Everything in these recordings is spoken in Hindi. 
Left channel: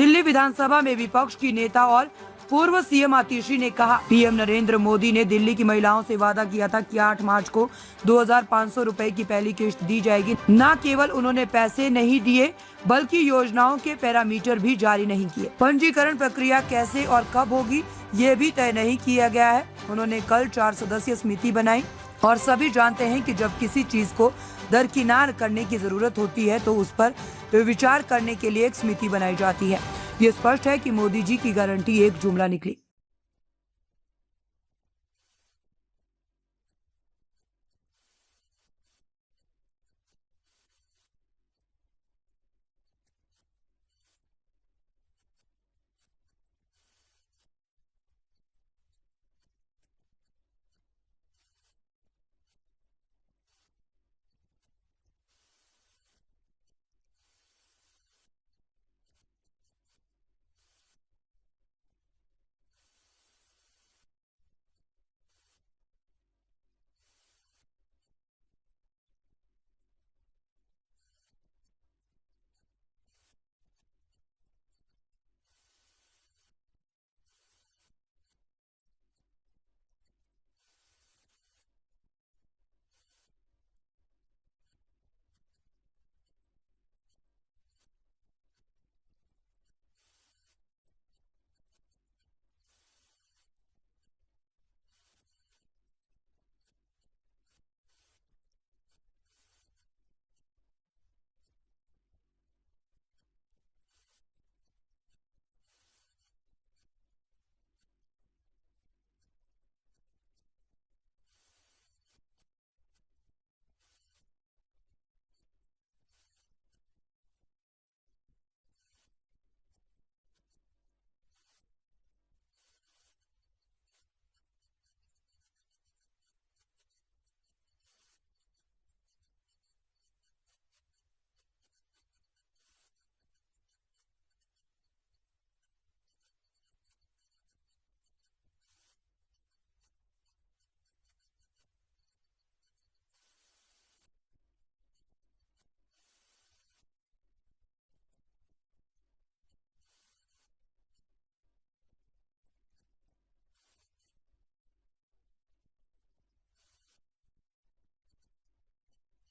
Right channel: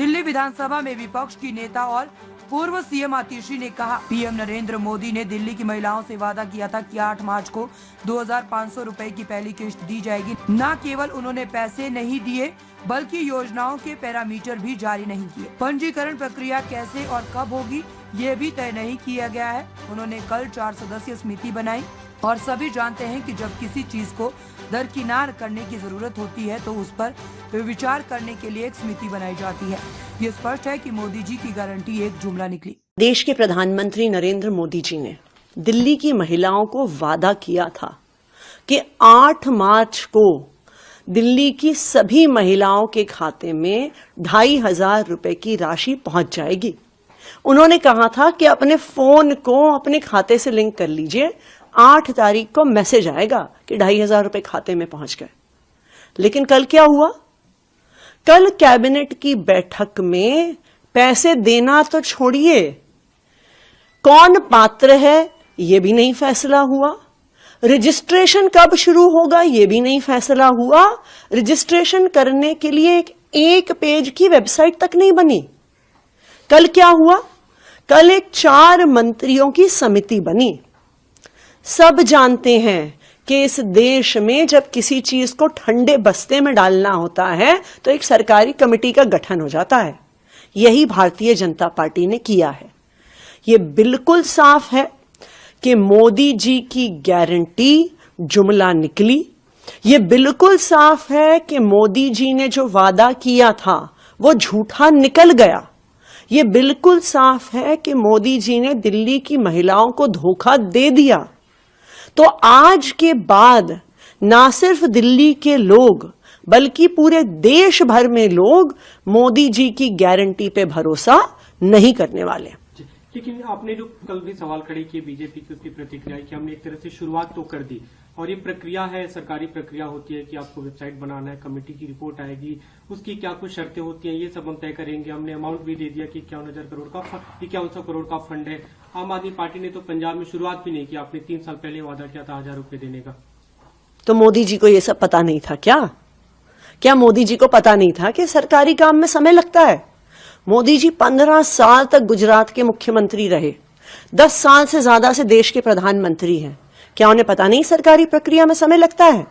दिल्ली विधानसभा में विपक्ष की नेता और पूर्व सीएम आतिशी ने कहा, पीएम नरेंद्र मोदी ने दिल्ली की महिलाओं से वादा किया था कि 8 मार्च को 2500 रुपए की पहली किश्त दी जाएगी। न केवल उन्होंने पैसे नहीं दिए बल्कि योजनाओं के पैरामीटर भी जारी नहीं किए। पंजीकरण प्रक्रिया कैसे और कब होगी ये भी तय नहीं किया गया है। उन्होंने कल 4 सदस्यीय समिति बनाई और सभी जानते हैं कि जब किसी चीज को दरकिनार करने की जरूरत होती है तो उस पर विचार करने के लिए एक समिति बनाई जाती है। ये स्पष्ट है कि मोदी जी की गारंटी एक जुमला निकली। देश के प्रधानमंत्री नरेंद्र मोदी जी ने दिल्ली की महिलाओं को वादा किया था कि 8 मार्च को दिल्ली की सभी महिलाओं के खाते में 2500 रुपए की राशि पहुंच जाएगी। उन्होंने कहा था कि अपने फोन को अपने खाते से लिंक कर लीजिए, 8 तारीख को मैसेज आएगा कि 2500 रुपए खाते में पहुंच गए। लेकिन कल क्या हुआ? कल कैबिनेट की बैठक में पैसे देना तो छोड़िए, कौन पात्र है ये भी नहीं फैसला हुआ। रजिस्ट्रेशन कब शुरू होगा ये भी नहीं फैसला हुआ। रजिस्ट्रेशन करने के लिए एक पेज की वेबसाइट तक नहीं बनी। कल क्या हुआ? कल एक 4 मंत्रियों की समिति बनी। सब जानते हैं कि इस देश में जब किसी चीज को ठंडे बस्ते में डालना होता है तो एक सरकारी कमेटी का गठन हो जाता है। यही भारतीय जनता पार्टी ने किया है। ये बिल्कुल साफ है कि मोदी जी की गारंटी जुमला निकली। ये बिल्कुल साफ है कि मोदी जी ने जो वादा किया था वो झूठा निकल गया। ये बिल्कुल साफ है कि मोदी जी ने दिल्ली की महिलाओं को धोखा दे दिया। तो आज के बाद ना सिर्फ दिल्ली के लोग बल्कि पूरे देश भर में लोग मोदी जी की गारंटी पे भरोसा नहीं करने वाले। लेकिन आपने जो कल भी सवाल खड़े किए बीजेपी की, उसकी प्रतिक्रिया कि हमने एक तरह से शुरुआत तो कर दी और ये प्रक्रिया है, सरकारी प्रक्रिया होती है कि आपको वेबसाइट बनाना है, कमेटी की रिपोर्ट आएगी, उसकी क्या कुछ शर्तें होती हैं, ये सब हम तय करेंगे। हमने अमाउंट भी दे दिया कि 51,000 करोड़ का 5100 करोड़ का फंड है। आम आदमी पार्टी ने तो पंजाब में शुरुआत भी नहीं की। आपने 3 साल पहले वादा किया था 1000 रुपए देने का। तो मोदी जी को ये सब पता नहीं था क्या मोदी जी को पता नहीं था कि सरकारी काम में समय लगता है? मोदी जी 15 साल तक गुजरात के मुख्यमंत्री रहे, 10 साल से ज्यादा से देश के प्रधानमंत्री हैं। क्या उन्हें पता नहीं सरकारी प्रक्रिया में समय लगता है?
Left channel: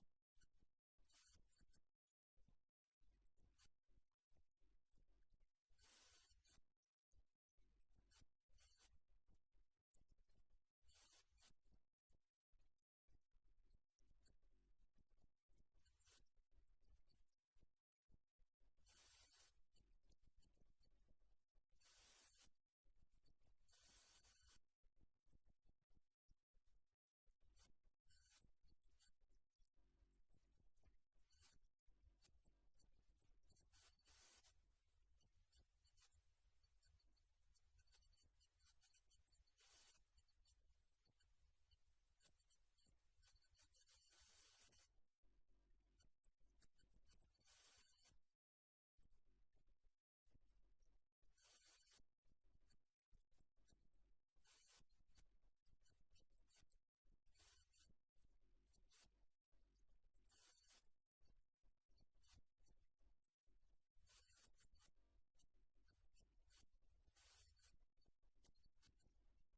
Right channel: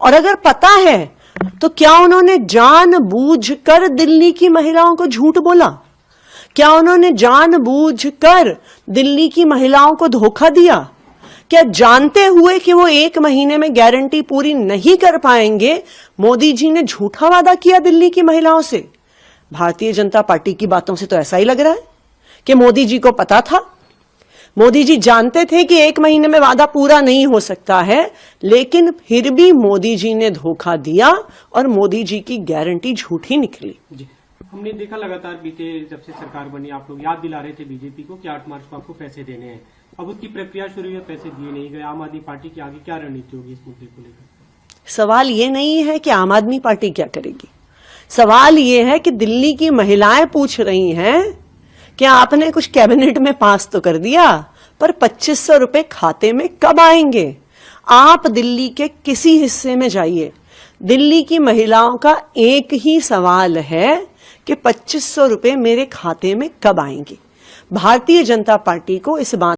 और अगर पता है तो क्या उन्होंने जानबूझकर दिल्ली की महिलाओं को झूठ बोला? क्या उन्होंने जानबूझकर दिल्ली की महिलाओं को धोखा दिया? क्या जानते हुए कि वो 1 महीने में गारंटी पूरी नहीं कर पाएंगे मोदी जी ने झूठा वादा किया दिल्ली की महिलाओं से? भारतीय जनता पार्टी की बातों से तो ऐसा ही लग रहा है कि मोदी जी को पता था। मोदी जी जानते थे कि 1 महीने में वादा पूरा नहीं हो सकता है, लेकिन फिर भी मोदी जी ने धोखा दिया और मोदी जी की गारंटी झूठी निकली। जी, हमने देखा लगातार बीते जब से सरकार बनी आप लोग याद दिला रहे थे बीजेपी को कि 8 मार्च को आपको पैसे देने हैं। अब उसकी प्रक्रिया शुरू हुई, पैसे दिए नहीं गए। आम आदमी पार्टी की आगे क्या रणनीति होगी इस मुद्दे को लेकर? सवाल ये नहीं है कि आम आदमी पार्टी क्या करेगी। सवाल ये है कि दिल्ली की महिलाएं पूछ रही हैं कि आपने कुछ कैबिनेट में पास तो कर दिया, पर 2500 रुपए खाते में कब आएंगे? आप दिल्ली के किसी हिस्से में जाइए, दिल्ली की महिलाओं का एक ही सवाल है कि 2500 रुपए मेरे खाते में कब आएंगे। भारतीय जनता पार्टी को इस बात